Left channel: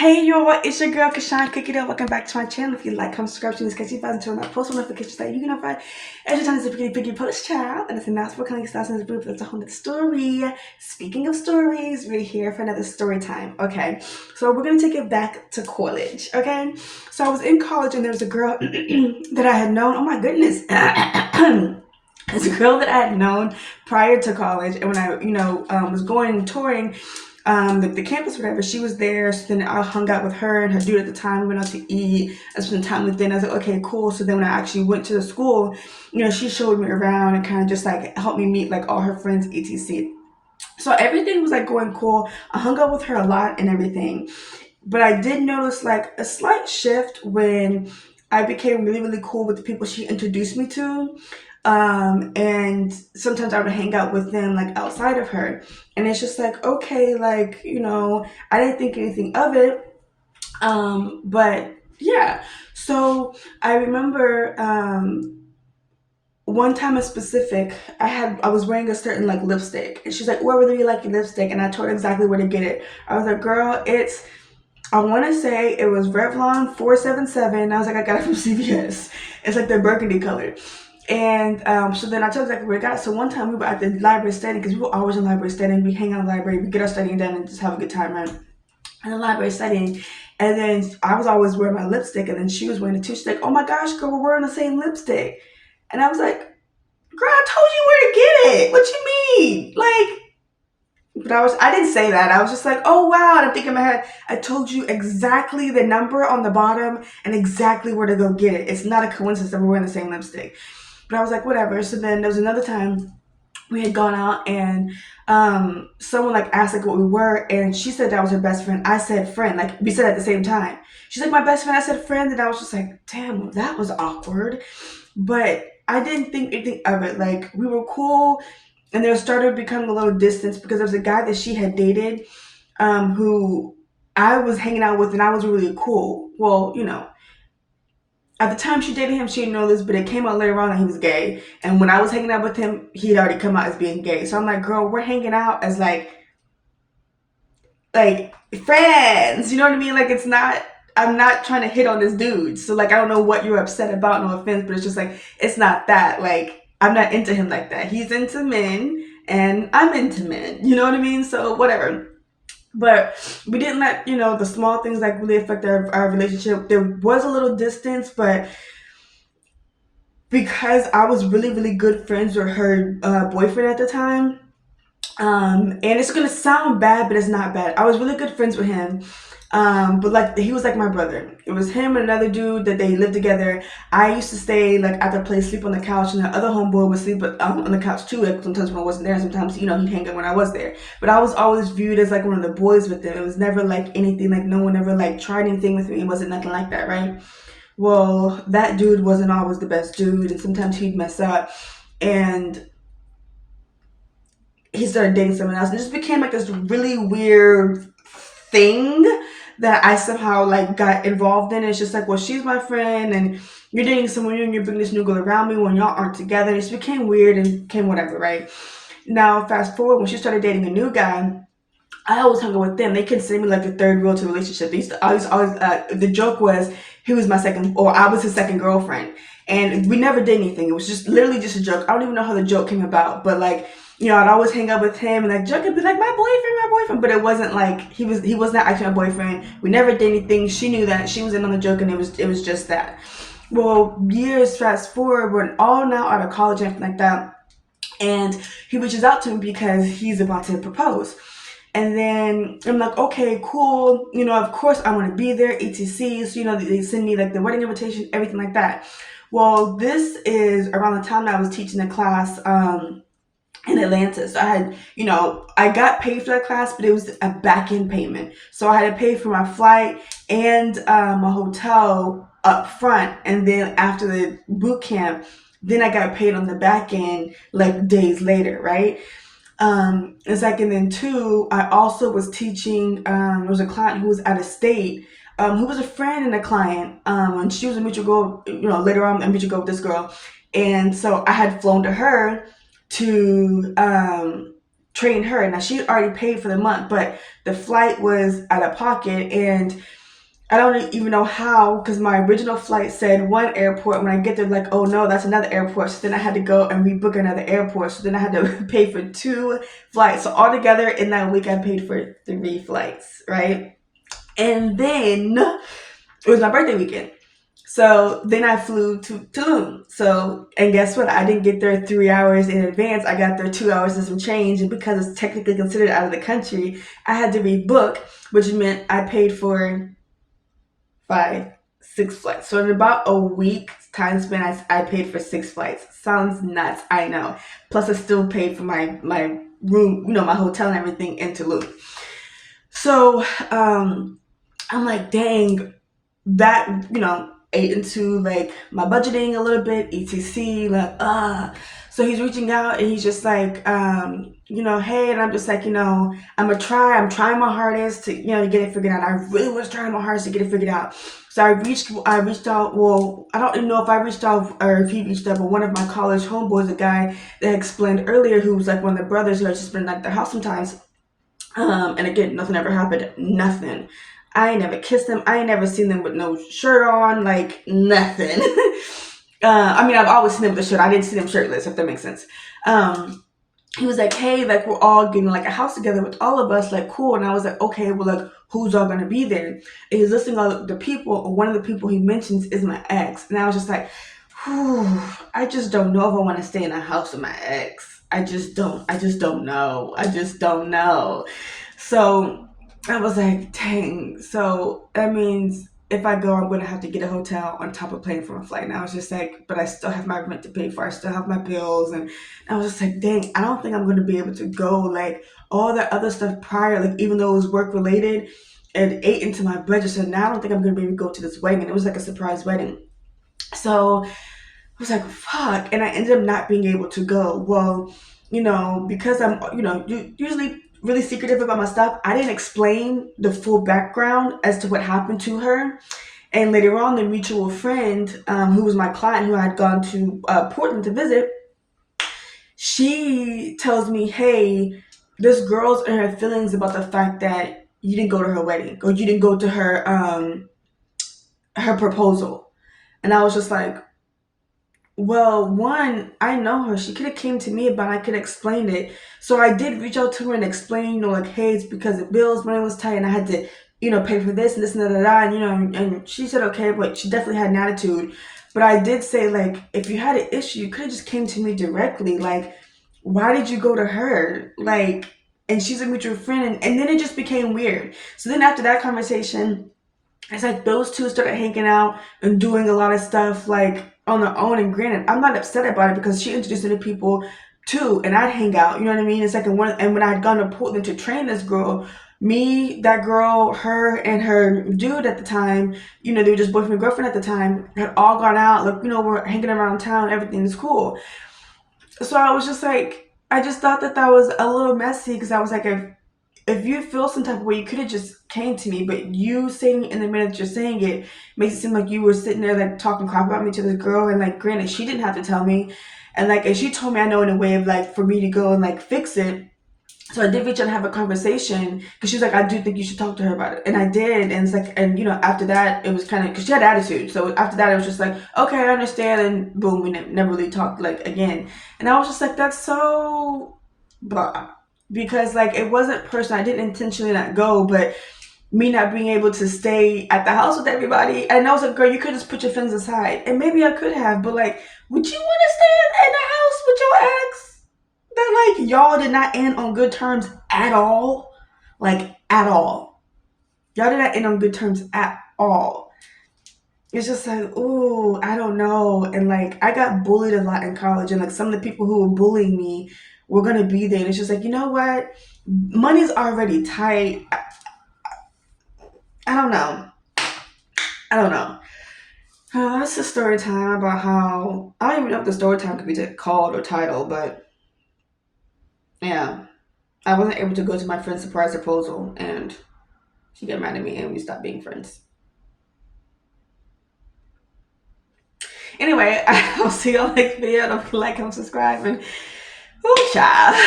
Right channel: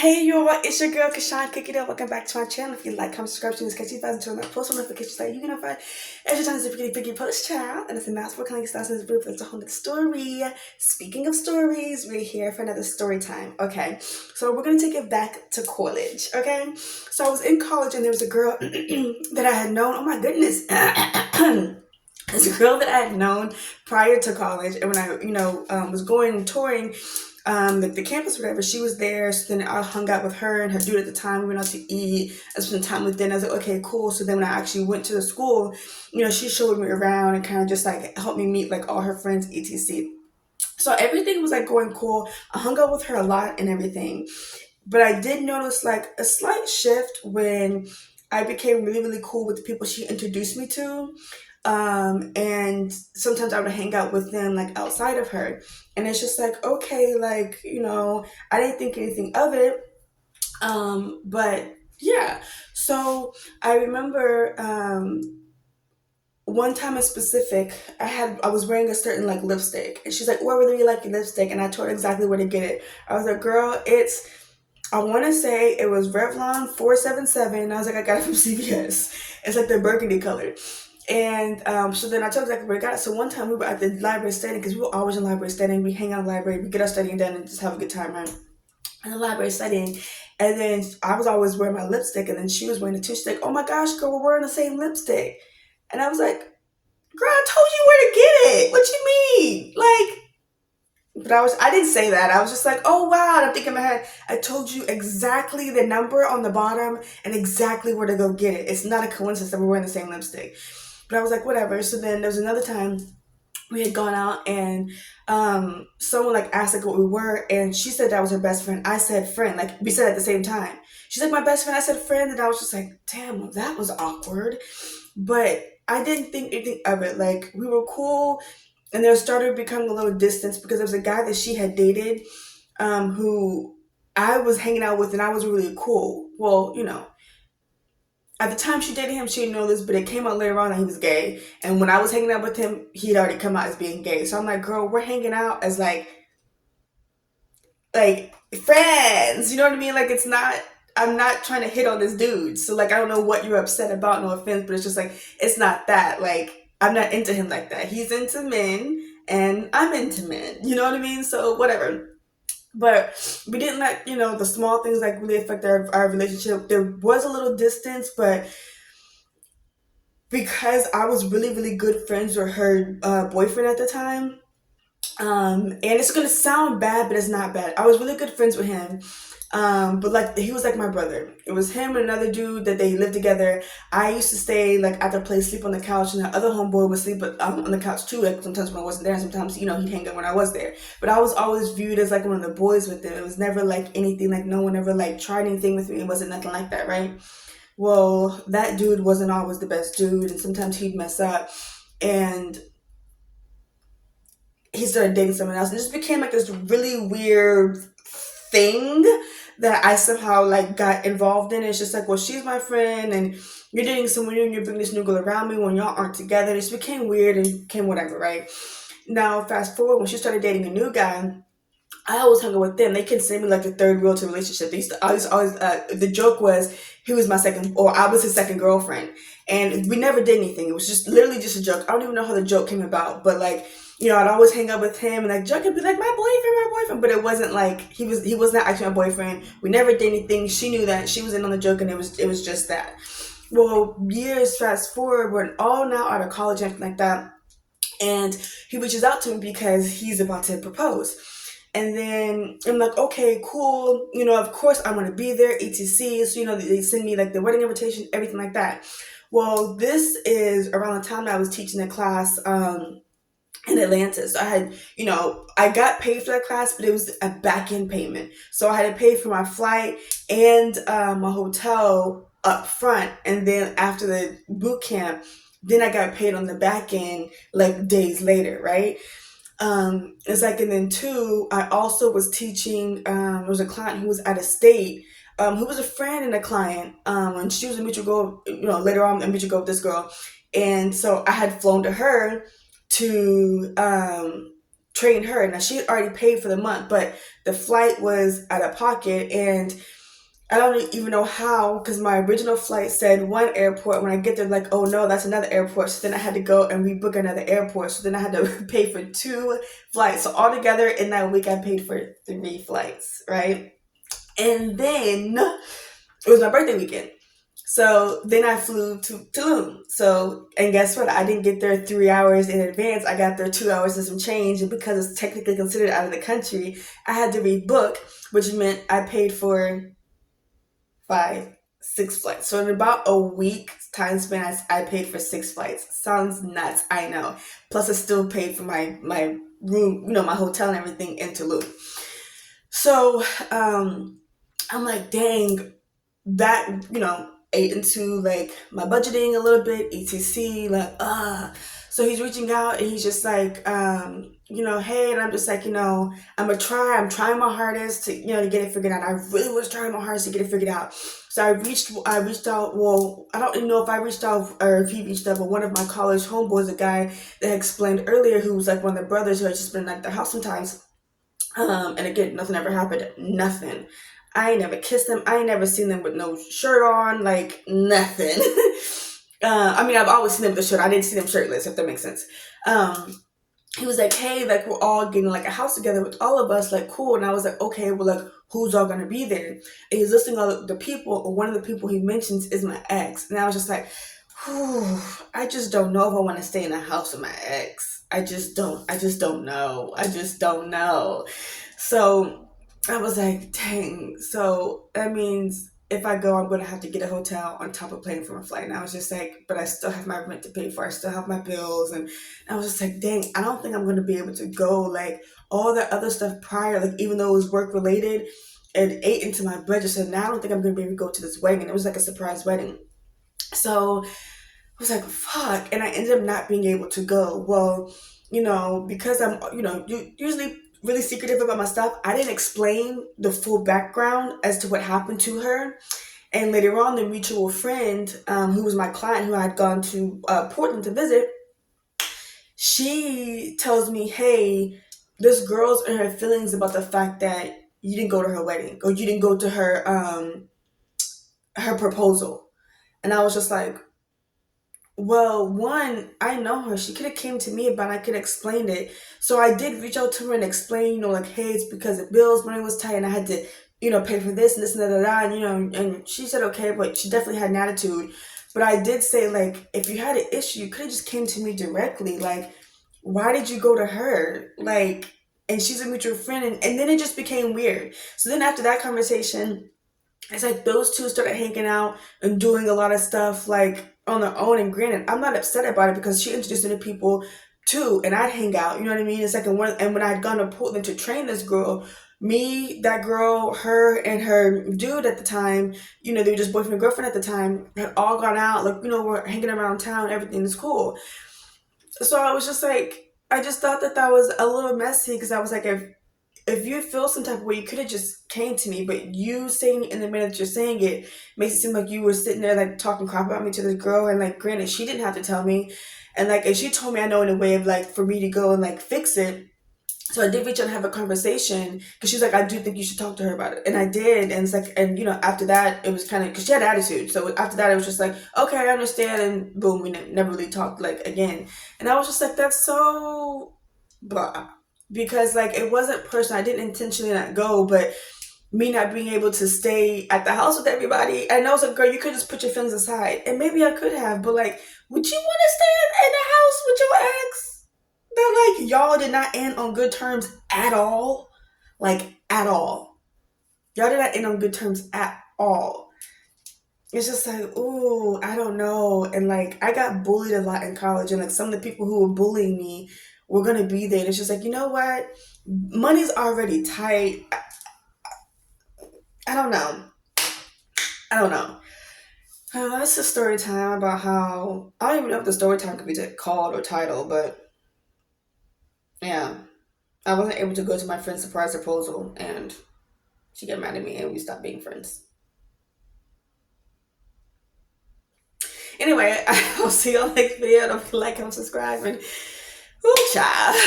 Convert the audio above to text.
Hey y'all, it's your girl Kashawn Cookie Dough. Welcome back to my channel. If you like, comment, subscribe to this catchy button, turn on that post notifications that you can find every time there's a pretty piggy post child. And it's a announcement for coming stars in this group. That's a whole nother story. Speaking of stories, we're here for another story time. Okay, so we're gonna take it back to college. Okay, so I was in college and there was a girl that I had known. Oh my goodness. It's a girl that I had known prior to college, and when I, was going touring, the campus, whatever, she was there. So then I hung out with her and her dude at the time. We went out to eat. I spent time with them. I was like, okay, cool. So then when I actually went to the school, she showed me around and kind of just like helped me meet like all her friends, etc. So everything was like going cool. I hung out with her a lot and everything. But I did notice like a slight shift when I became really, really cool with the people she introduced me to. And sometimes I would hang out with them like outside of her. And it's just like, okay, like, I didn't think anything of it. But yeah. So I remember one time in specific, I was wearing a certain like lipstick, and she's like, "Oh, I really like your lipstick," and I told her exactly where to get it. I was like, "Girl, I want to say it was Revlon 477." I was like, "I got it from CVS. It's like the burgundy color." And so then I told her exactly where I got it. So one time we were at the library studying, because we were always in library studying. We hang out in the library, we get our studying done, and just have a good time, right? In the library studying. And then I was always wearing my lipstick, and then she was wearing it too. She's like, "Oh my gosh, girl, we're wearing the same lipstick." And I was like, "Girl, I told you where to get it. What you mean?" But I didn't say that. I was just like, "Oh wow." And I'm thinking in my head, I told you exactly the number on the bottom and exactly where to go get it. It's not a coincidence that we're wearing the same lipstick. But I was like, whatever. So then there was another time we had gone out, and someone like asked like what we were, and she said that was her best friend. I said friend. Like we said at the same time. She's like, "My best friend." I said friend, and I was just like, damn, well, that was awkward. But I didn't think anything of it. Like we were cool, and there started becoming a little distance because there was a guy that she had dated, who I was hanging out with, and I was really cool. Well, at the time she dated him, she didn't know this, but it came out later on that he was gay. And when I was hanging out with him, he'd already come out as being gay. So I'm like, girl, we're hanging out as like friends. You know what I mean? Like I'm not trying to hit on this dude. So like I don't know what you're upset about, no offense, but it's just like it's not that. Like I'm not into him like that. He's into men and I'm into men. You know what I mean? So whatever. But we didn't let the small things like really affect our relationship. There was a little distance, but because I was really, really good friends with her boyfriend at the time. And it's gonna sound bad, but it's not bad. I was really good friends with him. But like he was like my brother. It was him and another dude that they lived together. I used to stay like at the place, sleep on the couch, and the other homeboy would sleep on the couch too. Like sometimes when I wasn't there, sometimes he'd hang out when I was there. But I was always viewed as like one of the boys with them. It was never like anything, like no one ever like tried anything with me. It wasn't nothing like that, right? Well, that dude wasn't always the best dude, and sometimes he'd mess up, and he started dating someone else, and it just became like this really weird thing that I somehow like got involved in. It's just like, well, she's my friend, and you're dating someone new, and you're bringing this new girl around me when y'all aren't together. It just became weird and became whatever, right? Now, fast forward, when she started dating a new guy, I always hung out with them. They consider me like the third wheel to the relationship. They used to always the joke was he was my second, or I was his second girlfriend, and we never did anything. It was just literally just a joke. I don't even know how the joke came about, but like I'd always hang out with him and like joke and be like my boyfriend, but it wasn't like he was not actually my boyfriend. We never did anything. She knew that. She was in on the joke, and it was just that. Well, years fast forward, we're all now out of college and everything like that, and he reaches out to me because he's about to propose. And then I'm like, okay, cool. Of course I want to be there, etc. So, they send me like the wedding invitation, everything like that. Well, this is around the time that I was teaching a class in Atlanta. So I had, I got paid for that class, but it was a back end payment. So I had to pay for my flight and my hotel up front. And then after the boot camp, then I got paid on the back end like days later, right? It's like, and then two, I also was teaching, there was a client who was out of state, who was a friend and a client, and she was a mutual goal, later on a mutual goal with this girl. And so I had flown to her to, train her. Now she already paid for the month, but the flight was out of pocket, and I don't even know how, because my original flight said one airport. When I get there, like, oh no, that's another airport. So then I had to go and rebook another airport. So then I had to pay for 2 flights. So altogether in that week, I paid for 3 flights, right? And then it was my birthday weekend. So then I flew to Tulum. So, and guess what? I didn't get there 3 hours in advance. I got there 2 hours and some change. And because it's technically considered out of the country, I had to rebook, which meant I paid for 6 flights. So in about a week time spent, I paid for 6 flights. Sounds nuts, I know. Plus I still paid for my room, my hotel and everything in Tulum. So I'm like, dang, that, ate into like my budgeting a little bit, etc. Like, so he's reaching out and he's just like, hey, and I'm just like, I'm trying my hardest to, to get it figured out. I really was trying my hardest to get it figured out. So I reached out, well, I don't even know if I reached out or if he reached out, but one of my college homeboys, a guy that I explained earlier, who was like one of the brothers who had just been at the house sometimes. And again, nothing ever happened, nothing. I ain't never kissed them. I ain't never seen them with no shirt on, like nothing. I've always seen them with a shirt. I didn't see them shirtless, if that makes sense. He was like, hey, like we're all getting like a house together with all of us, like cool. And I was like, okay, well, like who's all gonna be there? And he's listing all the people. One of the people he mentions is my ex, and I was just like, whew, I just don't know if I want to stay in a house with my ex. I just don't know. So I was like, dang. So that means if I go, I'm going to have to get a hotel on top of paying for my flight. And I was just like, but I still have my rent to pay for. I still have my bills. And I was just like, dang, I don't think I'm going to be able to go. Like all that other stuff prior, like even though it was work related, it ate into my budget. So now I don't think I'm going to be able to go to this wedding. And it was like a surprise wedding. So I was like, fuck. And I ended up not being able to go. Well, because I'm, usually really secretive about my stuff, I didn't explain the full background as to what happened to her. And later on, the mutual friend, who was my client, who I had gone to Portland to visit, she tells me, hey, this girl's in her feelings about the fact that you didn't go to her wedding, or you didn't go to her proposal. And I was just like, well, one, I know her. She could have came to me, but I could have explained it. So I did reach out to her and explain, like, hey, it's because of bills, money was tight, and I had to, pay for this and this and that, and she said okay, but she definitely had an attitude. But I did say, like, if you had an issue, you could have just came to me directly. Like, why did you go to her? Like, and she's a mutual friend, and then it just became weird. So then after that conversation, it's like those two started hanging out and doing a lot of stuff, like, on their own. And granted, I'm not upset about it because she introduced me to people too, and I'd hang out, you know what I mean? It's like, and when I had gone to Portland to train this girl, me, that girl, her, and her dude at the time, they were just boyfriend and girlfriend at the time, had all gone out, like, we're hanging around town, everything is cool. So I was just like, I just thought that was a little messy, because I was like, if you feel some type of way, you could have just came to me. But you saying in the minute you're saying it makes it seem like you were sitting there like talking crap about me to this girl. And like, granted, she didn't have to tell me. And like, and she told me, I know, in a way of like for me to go and like fix it. So I did reach out and have a conversation, because she was like, I do think you should talk to her about it. And I did. And it's like, and after that, it was kind of, because she had attitude. So after that, it was just like, okay, I understand. And boom, we never really talked like again. And I was just like, that's so blah. Because like, it wasn't personal. I didn't intentionally not go, but me not being able to stay at the house with everybody. And I was like, girl, you could just put your feelings aside. And maybe I could have, but like, would you want to stay in the house with your ex? That like, y'all did not end on good terms at all. Like, at all. Y'all did not end on good terms at all. It's just like, ooh, I don't know. And like, I got bullied a lot in college, and like some of the people who were bullying me were gonna be there. And it's just like, you know what? Money's already tight. I don't know. That's the story time about how, I don't even know if the story time could be called or titled, but yeah. I wasn't able to go to my friend's surprise proposal, and she got mad at me, and we stopped being friends. Anyway, I'll see y'all next video. Don't forget to like, comment, subscribe, and ooh, child.